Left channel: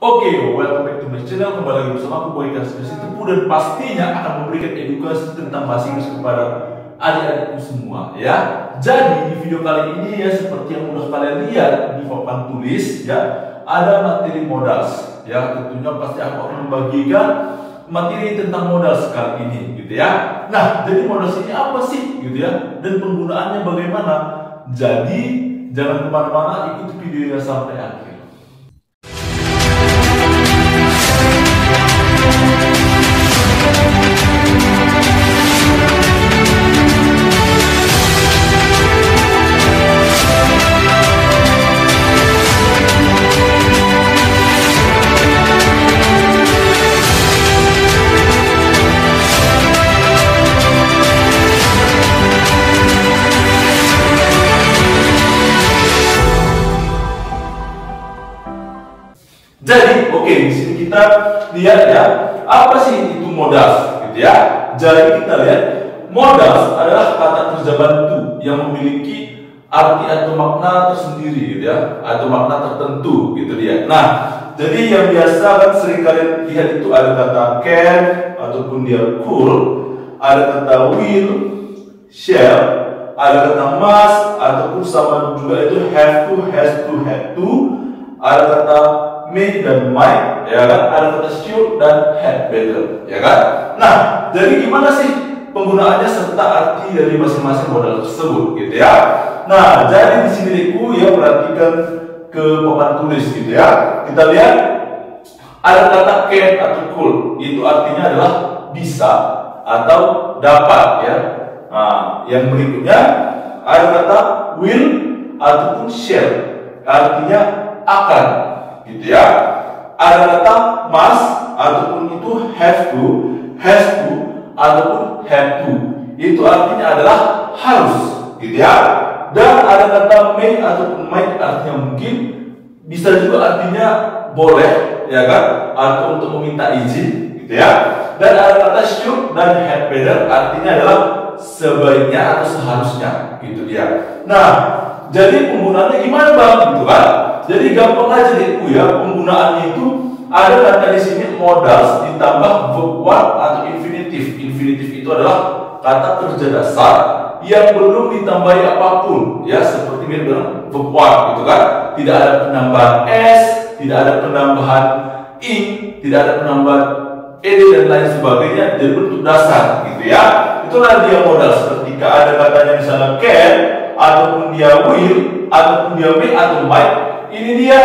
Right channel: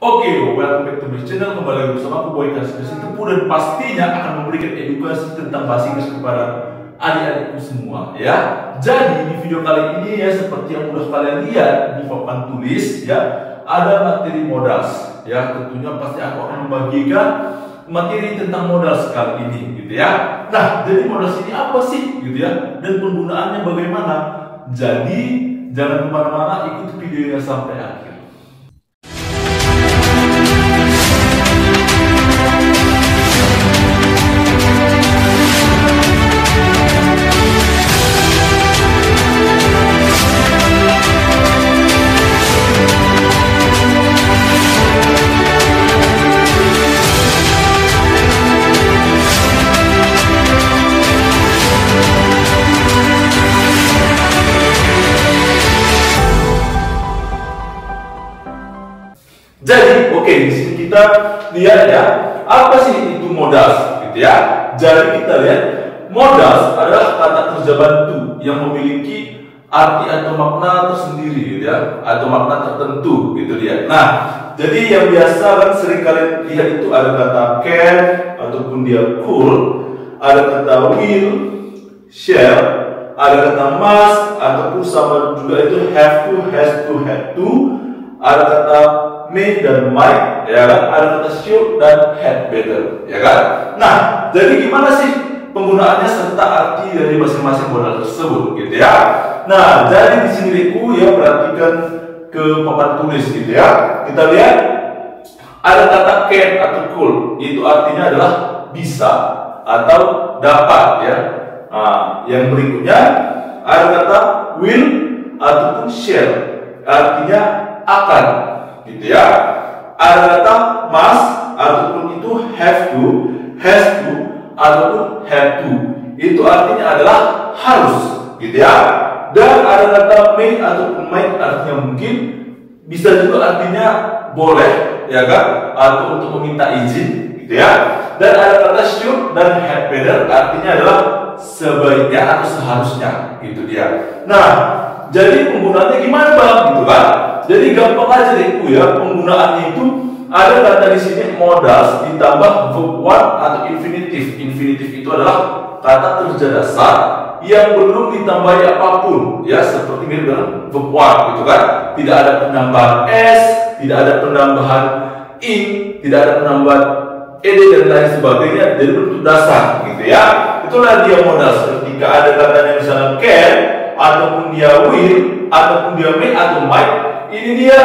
Oke, welcome back to my channel. Kembali lagi bersama aku Boy Kasih Tepu, dan pastinya akan memberikan edukasi tentang bahasa Inggris kepada adik-adikku semua ya. Jadi di video kali ini ya, seperti yang udah kalian lihat di papan tulis ya, ada materi modals ya. Tentunya pasti aku akan membagikan materi tentang modals kali ini gitu ya. Nah, jadi modals ini apa sih gitu ya, dan penggunaannya bagaimana? Jadi jangan kemana-mana, ikuti videonya sampai akhir. Jadi, oke, di sini kita lihat ya, apa sih itu modals, gitu ya. Jadi kita lihat, modals adalah kata kerja bantu yang memiliki arti atau makna tersendiri, gitu ya, atau makna tertentu, gitu dia. Nah, jadi yang biasa kan sering kalian lihat itu ada kata can ataupun dia could, ada kata will, shall, ada kata must ataupun sama juga itu have to, has to, had to, ada kata may dan might, ya kan? Ada kata should dan had better, ya kan? Nah, jadi gimana sih penggunaannya serta arti dari masing-masing modal tersebut, gitu ya? Nah, jadi di sini Deku ya, perhatikan ke papan tulis, gitu ya. Kita lihat ada kata can atau could, itu artinya adalah bisa atau dapat, ya. Nah, yang berikutnya ada kata will ataupun shall, artinya akan, gitu ya. Ada kata must ataupun itu have to, has to ataupun had to, itu artinya adalah harus, gitu ya. Dan ada kata may ataupun might, artinya mungkin, bisa juga artinya boleh, ya kan, atau untuk meminta izin, gitu ya. Dan ada kata should dan had better, artinya adalah sebaiknya atau seharusnya, gitu dia. Nah, jadi penggunaannya gimana bang, gitu kan? Jadi gampang aja deh ya, penggunaannya itu ada kata di sini modals ditambah verb one atau infinitive. Infinitive itu adalah kata kerja dasar yang belum ditambahi apapun, ya, seperti mirip dengan verb one, gitu kan? Tidak ada penambahan s, tidak ada penambahan in, tidak ada penambahan ed dan lain sebagainya, jadi bentuk dasar, gitu ya. Itulah dia modals. Ketika ada katanya misalnya can ataupun dia will ataupun dia may atau might, ini dia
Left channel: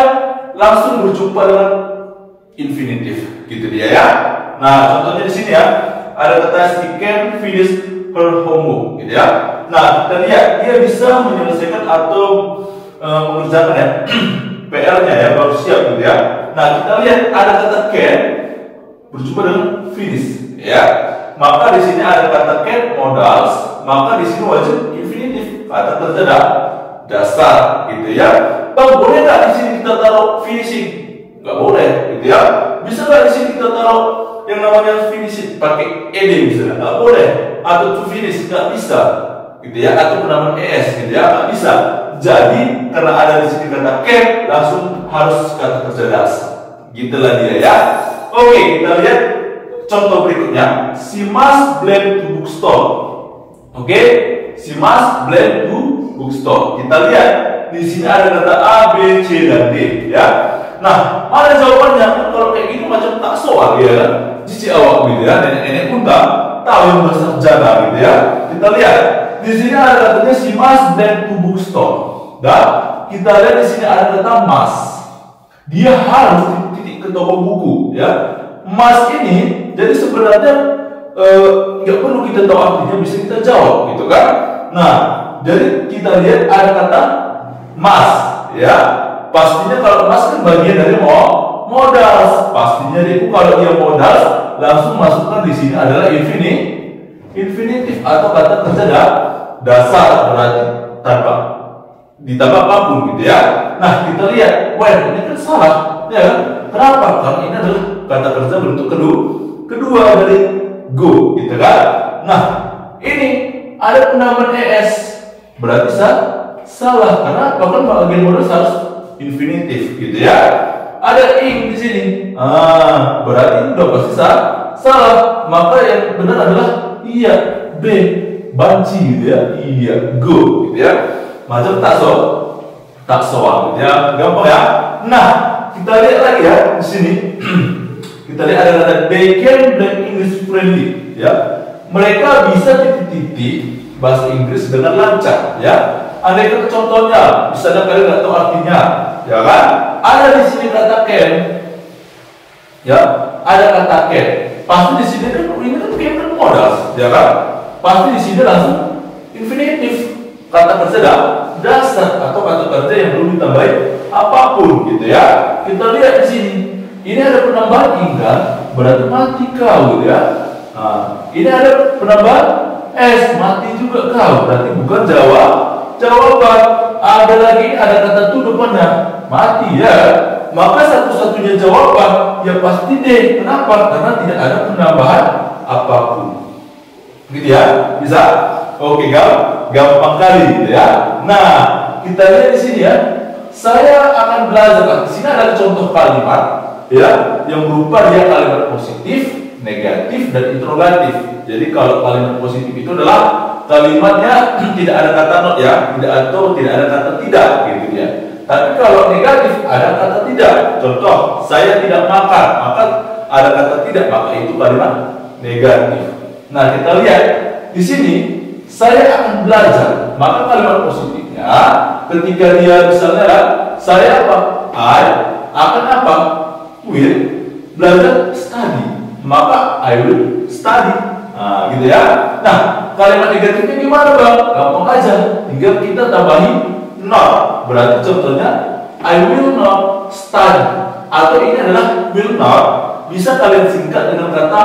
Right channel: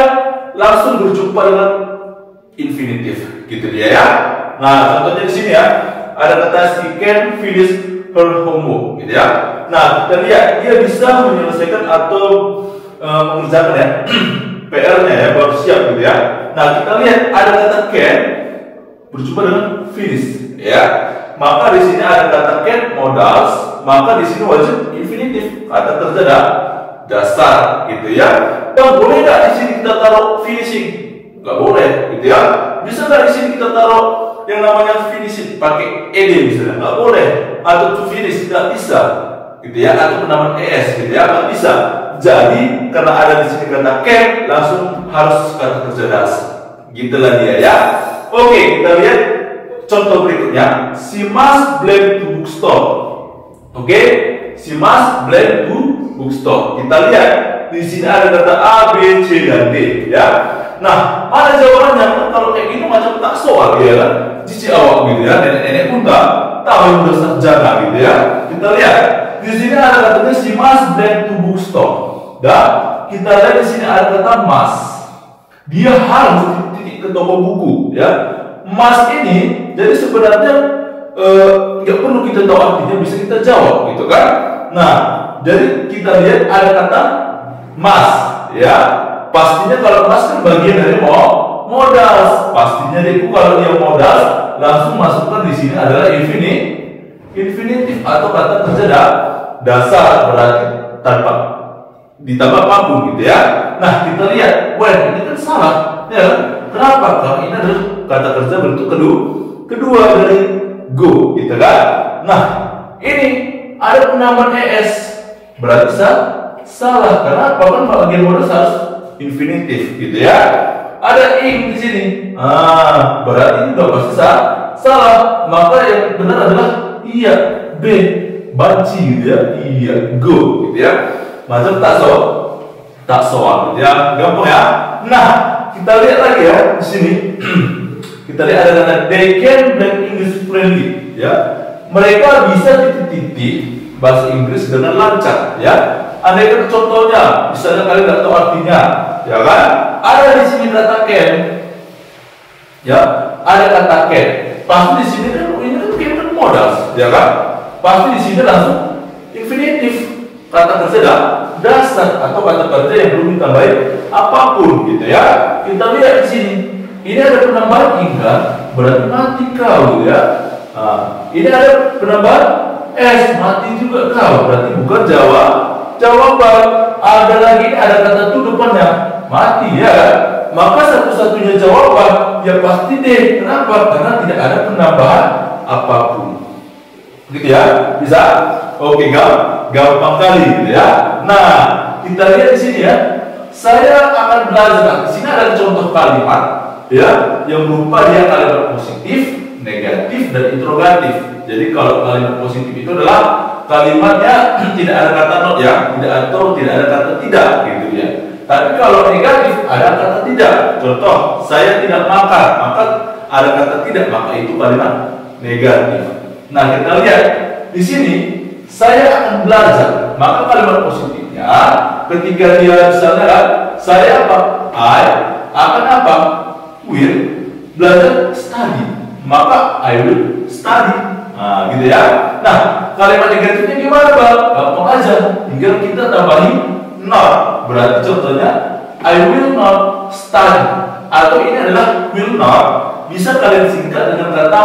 langsung berjumpa dengan infinitive, gitu dia ya. Nah, contohnya di sini ya, ada kata she can finish her homework, gitu ya. Nah, kita lihat dia bisa menyelesaikan atau mengerjakan ya PR-nya ya, bab siap, gitu ya. Nah, kita lihat ada kata can berjumpa dengan finish, ya. Maka di sini ada kata can modals, maka di sini wajib infinitive, kata kerja dasar, gitu ya. Dan boleh nggak di sini kita taruh finishing? Nggak boleh, gitu ya. Bisa nggak di sini kita taruh yang namanya finishing pakai ed misalnya? Nggak boleh. Atau to finish nggak bisa, gitu ya. Atau penambahan es, gitu ya, nggak bisa. Jadi karena ada di sini kata can, langsung harus kata kerja dasar. Gitulah dia ya. Oke, kita lihat contoh berikutnya. She must blame to bookstore. Oke, she must blame to bookstore. Kita lihat di sini ada kata A, B, C dan D, ya. Nah, mana jawabannya? Kalau kayak gitu macam tak soal, ya kan? Cici awak, gitu ya. Nenek-nenek pun tahu yang bersarjana, gitu ya. Kita lihat di sini ada katanya she must blame to bookstore. Dan kita lihat di sini ada kata must. Dia harus titik ke toko buku, ya. Must ini jadi sebenarnya nggak perlu kita tahu artinya, bisa kita jawab, gitu kan? Nah, jadi kita lihat ada kata must, ya. Pastinya kalau must kan bagian dari modals. Pastinya itu kalau dia modals, langsung masukkan di sini adalah infinitive atau kata kerja dasar, berarti tanpa ditambah apapun, gitu ya. Nah, kita lihat, when ini kan salah, ya. Kenapa? Karena ini adalah kata kerja bentuk kedua dari go, gitu kan. Nah, ini ada penambahan es, berarti salah. Karena apa? Kan bagian modal harus infinitif, gitu ya. ada ing di sini. Berarti udah pasti salah. Maka yang benar adalah iya, B, banci gitu ya. Iya, go gitu ya. Macam tak soal gitu ya. Gampang ya. Nah, kita lihat lagi ya di sini. Kita lihat ada kata they can learn English friendly ya. Mereka bisa titik-titik bahasa Inggris dengan lancar ya. Andaikan contohnya, misalnya kalian nggak tahu artinya, ya kan? Ada di sini kata can, ya, ada kata can. Pasti di sini kan ini kan modal, ya kan? Pasti di sini langsung infinitif, kata kerja dasar atau kata kerja yang belum ditambahin apapun, gitu ya. Kita lihat di sini, ini ada penambahan ing kan, berarti mati kau, gitu ya. Nah, ini ada penambahan s, mati juga kau, berarti bukan jawaban. Ada lagi ada kata tu depannya mati ya, maka satu-satunya jawaban ya pasti D. Kenapa? Karena tidak ada penambahan apapun, gitu ya. Bisa? Oke, gampang kali gitu ya. Nah, kita lihat di sini ya. Saya akan belajar. Di sini ada contoh kalimat ya yang berupa dia kalimat positif, negatif, dan interrogatif. Jadi kalau kalimat positif itu adalah kalimatnya tidak ada kata not ya, tidak ada kata tidak gitu ya. Tapi kalau negatif ada kata tidak. Contoh, saya tidak makan, maka ada kata tidak, maka itu kalimat negatif. Nah, kita lihat di sini saya akan belajar, maka kalimat positifnya ketika dia misalnya saya apa? I akan apa? Will belajar study, maka I will study. Nah, gitu ya. Nah, kalimat negatifnya gimana, Bang? Gampang aja. Tinggal kita tambahin not. Berarti contohnya I will not study. Atau ini adalah will not. Bisa kalian singkat dengan kata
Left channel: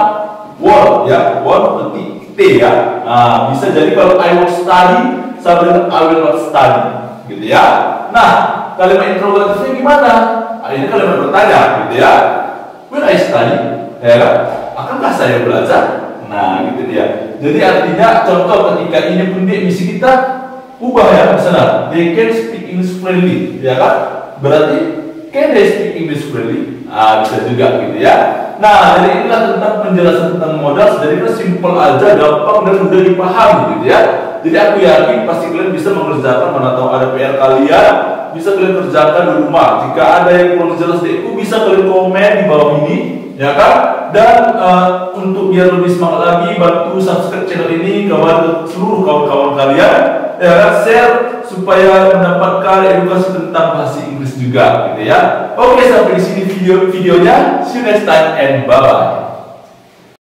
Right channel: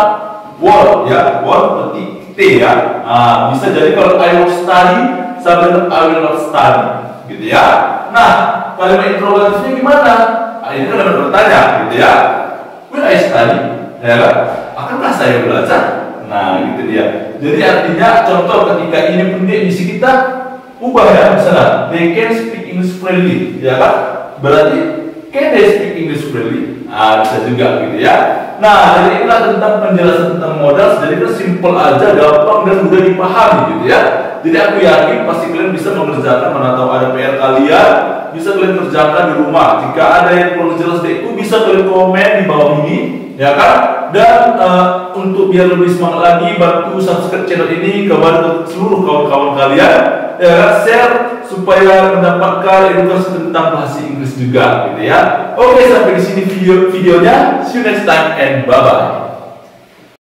won't ya. Won't T ya. Nah, bisa jadi kalau I will study sama dengan I will not study. Gitu ya. Nah, kalimat interrogatifnya gimana? Ini kalimat bertanya, gitu ya. Will I study? Ya kan? Akankah saya belajar? Nah, gitu dia. Jadi artinya contoh ketika ini pendek misi kita ubah ya, misalnya they can speak English friendly, ya kan? Berarti can they speak English friendly? Bisa juga gitu ya. Nah, jadi inilah tentang penjelasan tentang modal. Jadi kan simple aja, gampang dan mudah dipahami gitu ya. Jadi aku yakin pasti kalian bisa mengerjakan, mana tahu ada PR kalian bisa kalian kerjakan di rumah. Jika ada yang kurang jelas dari itu bisa kalian komen di bawah ini, ya kan? Dan untuk biar lebih semangat lagi, bantu subscribe channel ini, kepada seluruh kawan-kawan kalian, ya kan? Share supaya mendapatkan edukasi tentang bahasa Inggris juga, gitu ya. Oke, sampai di sini videonya. See you next time and bye bye.